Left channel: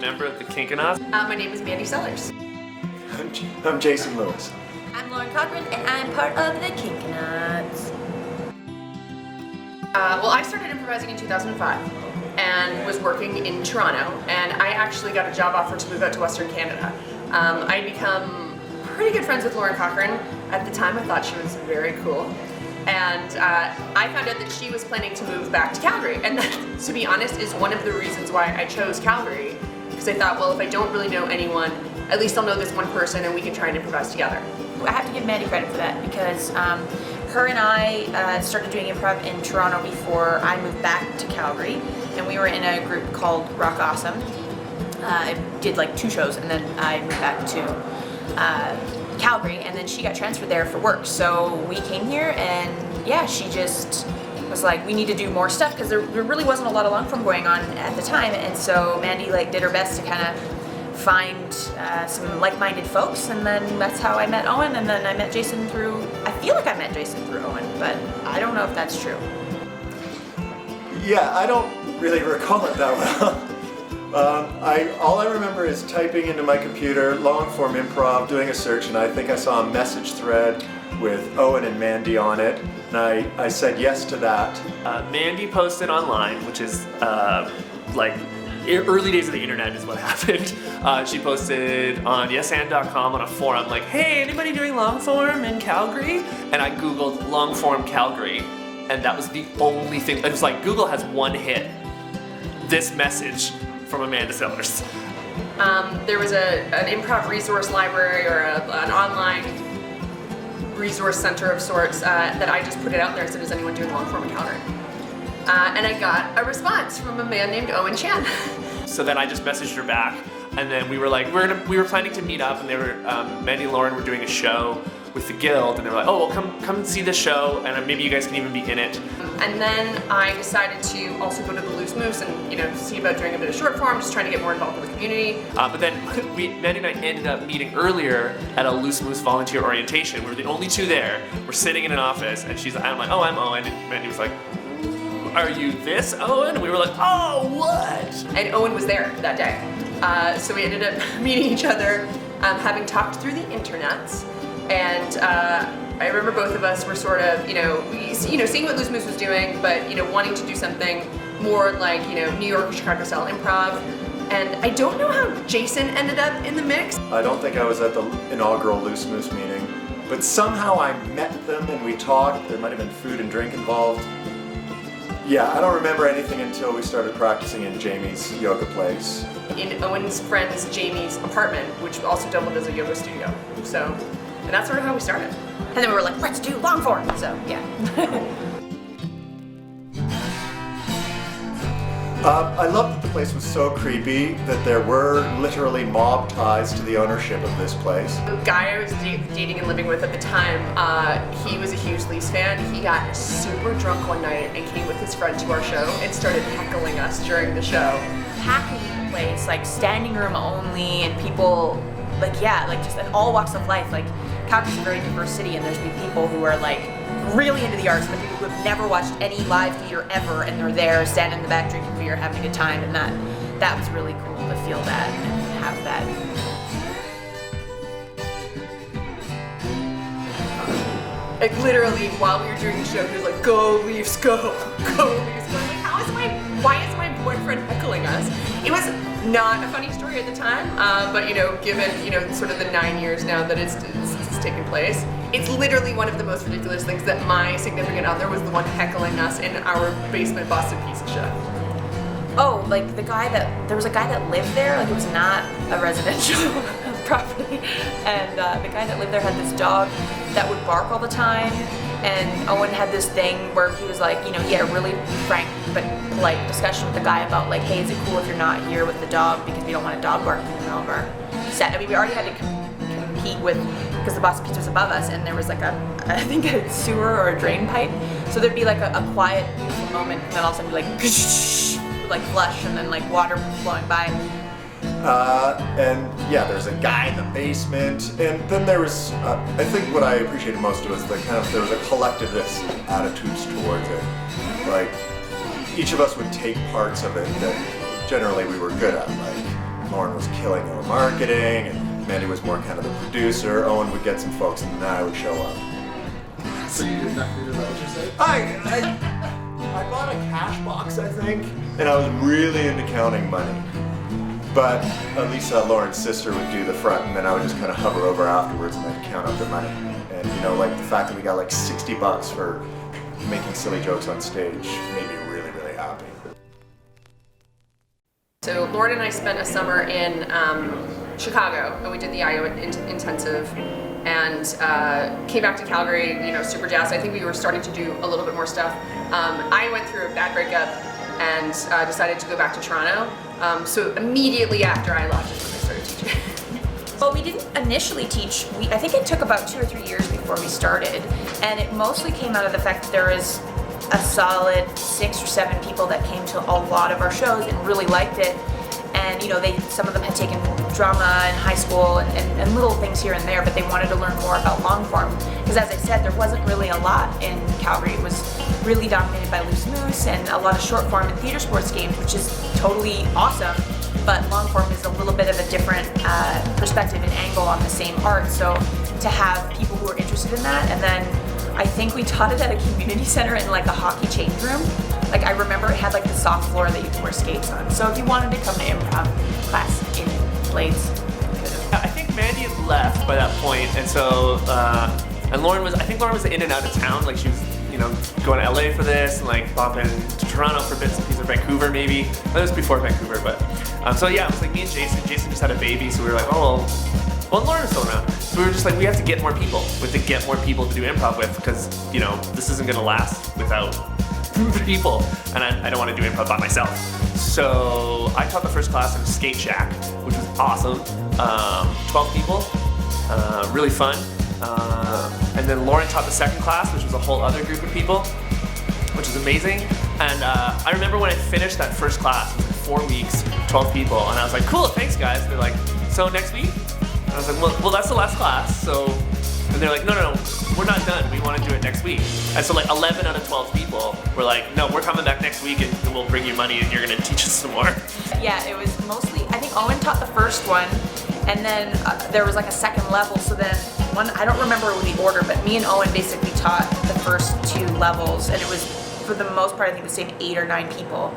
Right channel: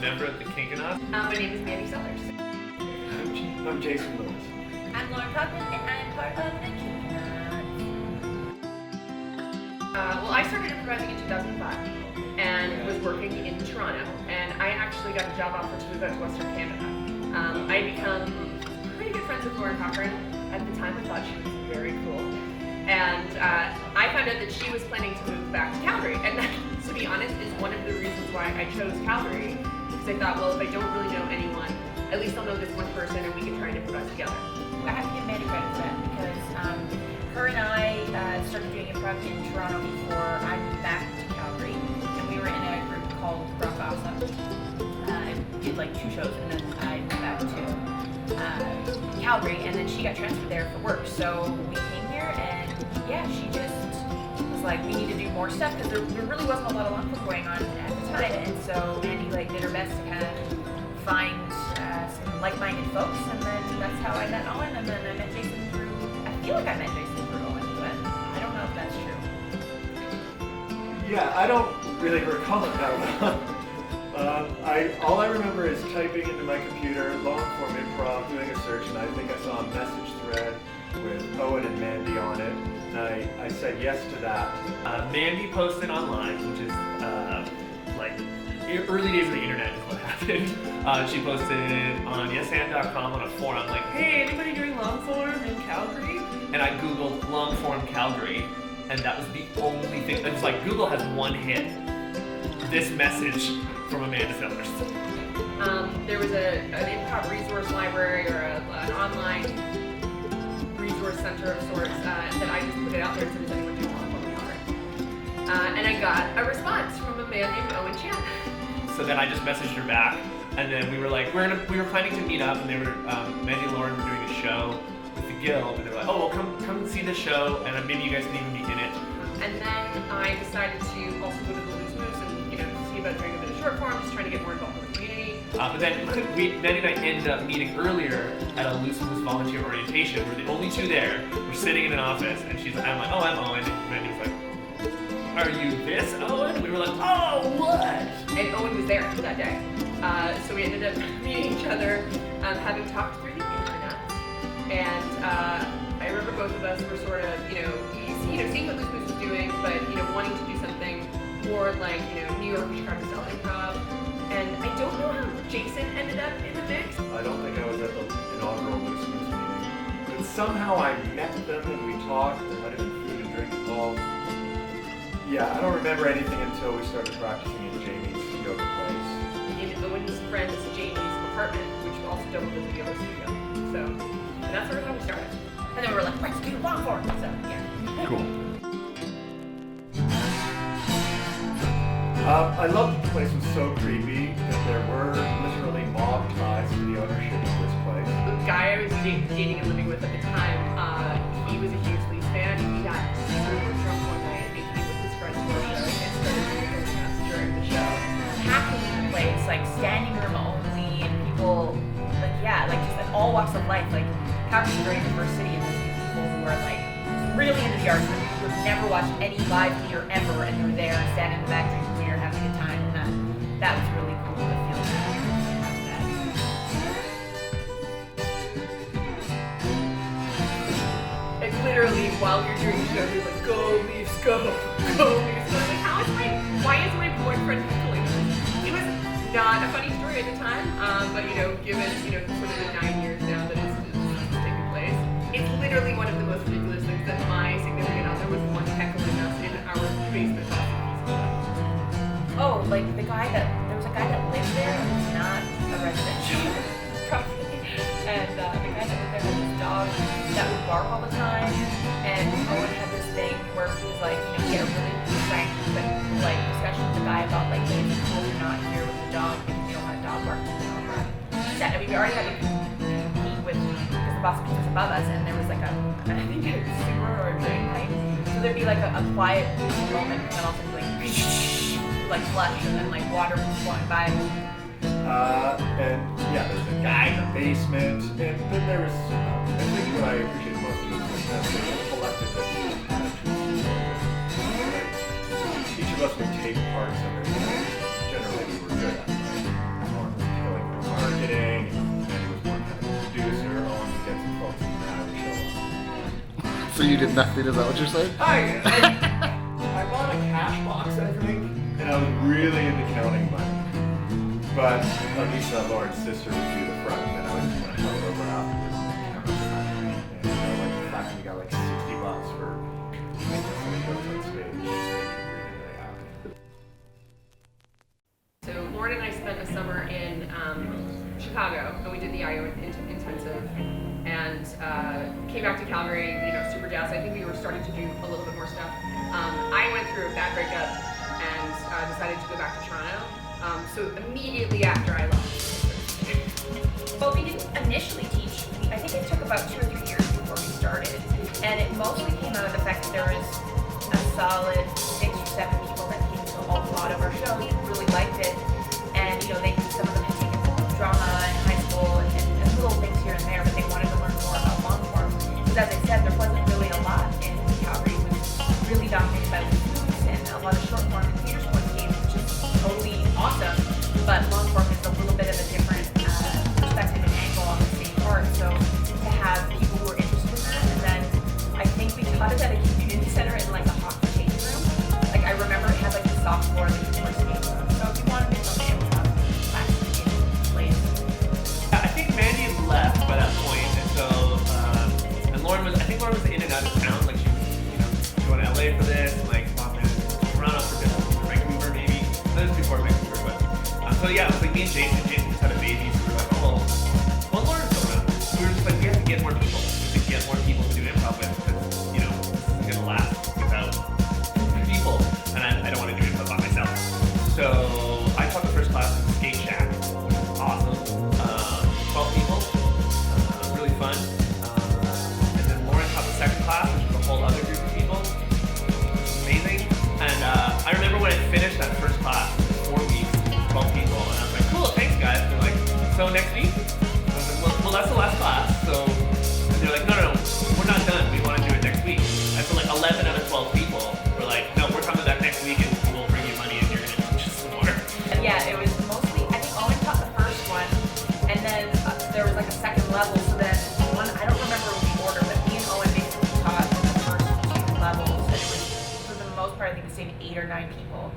member of the Kinkonauts. My name is Mandy Sellers. I'm Jason Lewis. I'm Cochrane, and I'm part of the Kinkonauts. Well, I started improvising in 2005 and was working in Toronto, and I actually got a job offer to move out to Western Canada. I had become pretty good friends with Lauren Cochrane. At the time, I thought she was very cool. And I found out that she was planning to move back to Calgary. And that, to be honest, is one of the reasons why I chose Calgary. Because I thought, well, if I don't really know anyone, at least I'll know this one person and we can try and improvise together. I have to give Mandy credit for that because her and I started doing improv in Toronto before I moved back to Calgary. And we were in a group called Rock Awesome. I did like 2 shows and then I moved back to Calgary, and then she got transferred there for work. So we came here, and yeah, she just was like, we need to do more stuff because there really wasn't a lot of long form going on at the time. And so Mandy did her best to kind of find some like-minded folks, and then that's how I met Owen, and then I met Jason through. I feel like I met Jason through Owen, but I don't know if that's true. Yeah, I don't really recall it that well. All I remember is typing into my computer, long-form improv, doing a search, and I think I saw a message thread with Owen and Mandy on it, and I said yes to that. Mandy posted online, which is early days of the internet is what happened. She posted on yesand.com on a forum like, hey, anybody doing long form in Calgary? And I Googled long form Calgary, and that was the only thing. It was like Google has one hit. This message from Mandy Sellers. There was an improv resource library or an online resource center of sorts that I just put it out there and said, does anyone do long form in Calgary? And I got a response from a man named Owen Chan. So then I just messaged her back, and then we were like, we were planning to meet up, and they were Mandy and Lauren were doing a show with the guild, and they were like, oh, well, come and see the show, and maybe you guys can even be in it. And then I decided to also go to the Loose Moose and see about doing a bit of short form, just trying to get more involved with the community. But then Mandy and I ended up meeting earlier at a Loose Moose volunteer orientation. We're the only 2 there. We're sitting in an office, and I'm like, oh, I'm Owen. And Mandy was like, are you this Owen? And we were like, oh, what? And Owen was there that day. So we ended up meeting each other, having talked through the internets. And I remember both of us were sort of, seeing what Loose Moose was doing, but, wanting to do something more like, New York or Chicago style improv. And I don't know how Jason ended up in the mix. I don't think I was at the inaugural Loose Moose meeting, but somehow I met them and we talked. There might have been food and drink involved. Yeah, I don't remember anything until we started practicing in Jamie's yoga place. In Owen's friend's Jamie's apartment, which also doubled as a yoga studio. So, and that's sort of how we started. And then we were like, let's do long form. So yeah. Cool. I loved that the place was so creepy that there were literally mob ties to the ownership of this place. The guy I was dating and living with at the time, he was a huge Leafs fan. He got super drunk one night and came with his friend to our show and started heckling us during the show. Packed place, like standing room only, and people, just in all walks of life. Like, Calgary's a very diverse city, and there's people who are really into the arts, who have never watched any live theater ever, and they're there standing in the back drinking beer, having a good time, and that was really cool to feel that and have that. Like literally, while we were doing the show, we were like, go Leafs, go, go Leafs. Why is my boyfriend heckling us? It was not a funny story at the time, but given sort of the 9 years now that it's taken place, it's literally one of the most ridiculous things that my significant other was the one heckling us in our basement Boston piece of shit. Oh, there was a guy that lived there, it's not a residential property, and the guy that lived there had this dog that would bark all the time, and Owen had this thing where he was he had a really frank discussion with the guy about hey, is it cool if you're not here with the dog because we don't want a dog barking on our set. I mean, we already had to compete because the Boston Pizza was above us, and there was I think a sewer or a drain pipe, so there'd be a quiet moment, and then all of a sudden flush, and then water flowing by. And yeah, there's a guy in the basement, and then there was, I think what I appreciated most was there was a collectivist attitude towards it. Each of us would take parts of it that generally we were good at. Lauren was killing her marketing, and Mandy was more kind of the producer. Owen would get some folks, and then I would show up. So you did nothing, is that what you're saying? I bought a cash box, I think, and I was really into counting money. But Lisa, Lauren's sister, would do the front, and then I would just kind of hover over afterwards and then count up the money. And you know, like the fact that we got like $60 for making silly jokes on stage made me really, really happy. So Lauren and I spent a summer in Chicago, and we did the IO intensive, and came back to Calgary, you know, super jazzed. I think we were starting to do a little bit more stuff. I went through a bad breakup and decided to go back to Toronto. So immediately after I left. Well, we didn't initially teach. I think it took about 2 or 3 years before we started, and it mostly came out of the fact that there is a solid 6 or 7 people that came to a lot of our shows and really liked it. And you know, some of them had taken drama in high school and little things here and there, but they wanted to learn more about long form. Because as I said, there wasn't really a lot in Calgary. It was really dominated by loose moose and a lot of short form and theater sports games, which is totally awesome. But long form is a little bit of a different perspective and angle on the same art. So to have people who are interested in that, and then I think we taught it at a community center in like a hockey change room. Like I remember it had like the soft floor that you could wear skates on. So if you wanted to come to improv class in Blades. I think Mandy had left by that point, and so and Lauren was in and out of town. Like she was, you know, going to LA for this, and like popping to Toronto for bits and pieces, or Vancouver maybe. That was before Vancouver, but so yeah, it was like me and Jason. Jason just had a baby, so we were like, oh, well, Lauren's going out. So we were just like, we have to get more people. We have to get more people to do improv with, because you know this isn't gonna last without people, and I don't want to do improv by myself. So I taught the first class in Skate Shack, which was awesome. 12 people, really fun. And then Lauren taught the second class, which was a whole other group of people, which was amazing. And I remember when I finished that first class, 4 weeks, 12 people, and I was like, cool, thanks guys. And they're like, so next week? I was like, well, that's the last class. So, and they're like, no, we're not done. We want to do it next week. And so like 11 out of 12 people were like, no, we're coming back next week and we'll bring you money and you're going to teach us some more. Yeah, it was mostly, I think Owen taught the first one, and then there was like a second level, so then I don't remember the order, but me and Owen basically taught the first 2 levels, and it was, for the most part, I think the same 8 or 9 people.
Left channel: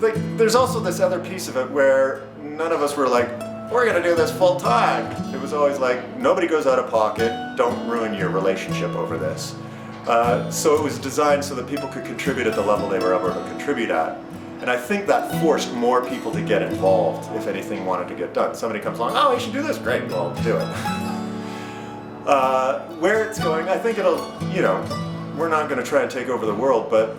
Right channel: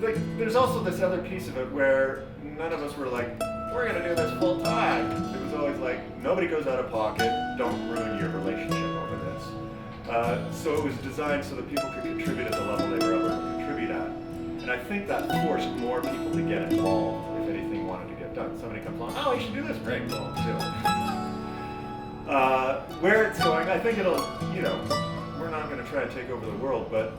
Like, there's also this other piece of it where none of us were like, we're gonna do this full time. It was always like, nobody goes out of pocket, don't ruin your relationship over this. So it was designed so that people could contribute at the level they were able to contribute at. And I think that forced more people to get involved if anything wanted to get done. Somebody comes along, oh, we should do this, great, well, do it. Where it's going, I think it'll, you know, we're not gonna try and take over the world, but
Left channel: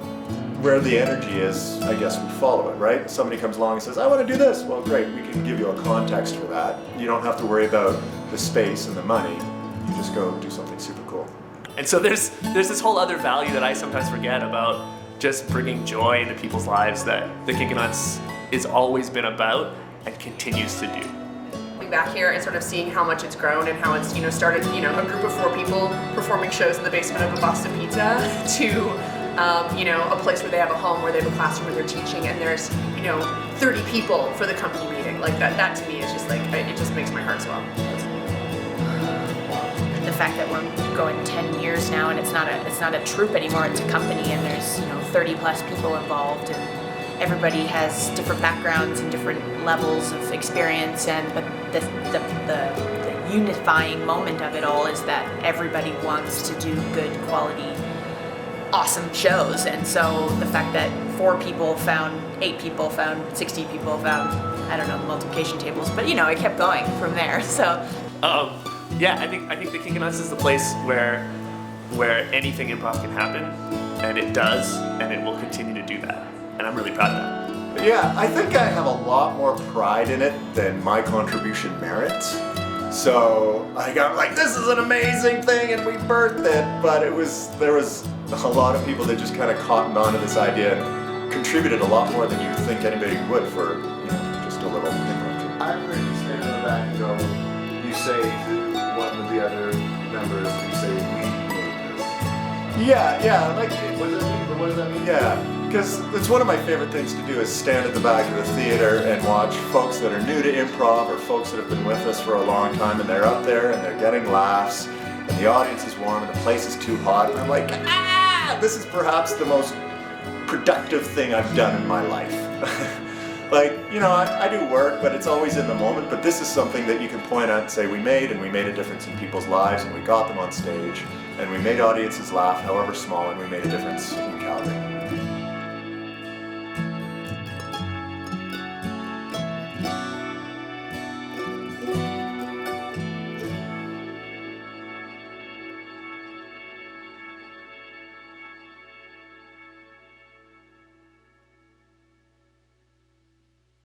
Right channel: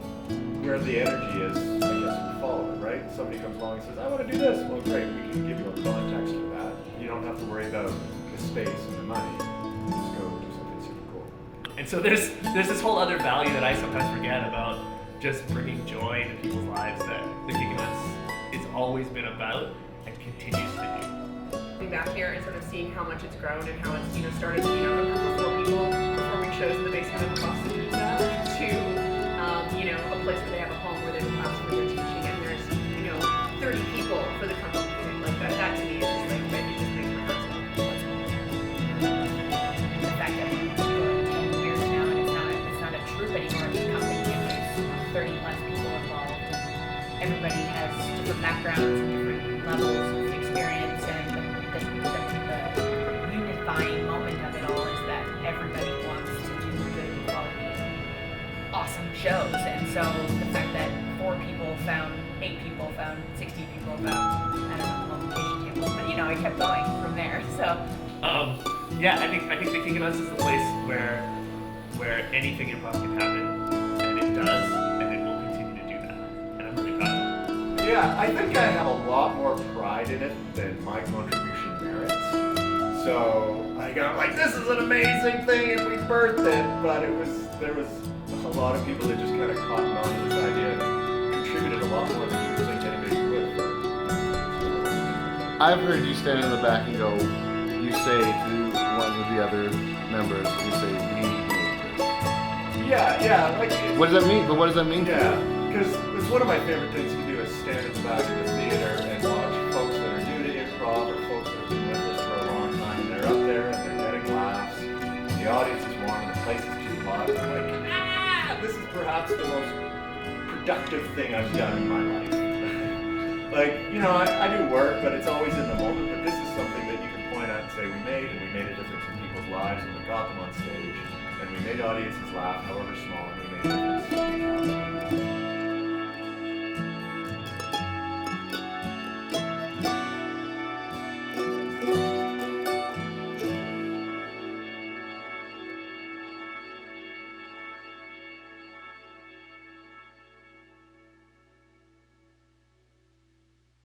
where the energy is, I guess we follow it, right? Somebody comes along and says, I want to do this. Well, great, we can give you a context for that. You don't have to worry about the space and the money. You just go do something super cool. And so there's this whole other value that I sometimes forget about just bringing joy into people's lives that the Kinkonauts is always been about and continues to do. Back here and sort of seeing how much it's grown and how it's, you know, started, you know, a group of 4 people performing shows in the basement of a Boston Pizza to, you know, a place where they have a home, where they have a classroom where they're teaching, and there's, you know, 30 people for the company meeting. Like that to me is just like, it just makes my heart swell. The fact that we're going 10 years now, and it's not a troupe anymore, it's a company, and there's, you know, 30 plus people involved, and everybody has different backgrounds and different levels of experience, but the unifying moment of it all is that everybody wants to do good quality, awesome shows. And so the fact that 4 people found 8 people, found 60 people, found, I don't know, the multiplication tables, but you know, it kept going from there. So yeah, I think the Kinkonauts is the place where anything improv can happen, and it does, and it will continue to do that. And I'm really proud of that. Yeah, I think I have a lot more pride in it than my contribution merits. So I got like, this is an amazing thing and we birthed it, but there was a lot of people that just kind of cottoned on to this idea and contributed a lot more than you'd think anybody would for, you know, just a little different. I've heard you stand in the back and go, you say to one of the other members, you say, we made this. Yeah, like. What does that mean? But what does that mean? Yeah. Because it's one of my favorite things to do is stand at the back of the theater and watch folks that are new to improv or folks that have been with us for a long time, and they're up there and they're getting laughs, and the audience is warm and the place is too hot, and they're like, ah, this is perhaps the most productive thing I've done in my life. Like, you know, I do work, but it's always in the moment, but this is something that you can point at and say, we made a difference in people's lives, and we got them on stage, and we made audiences laugh, however small, and we made a difference in Calgary.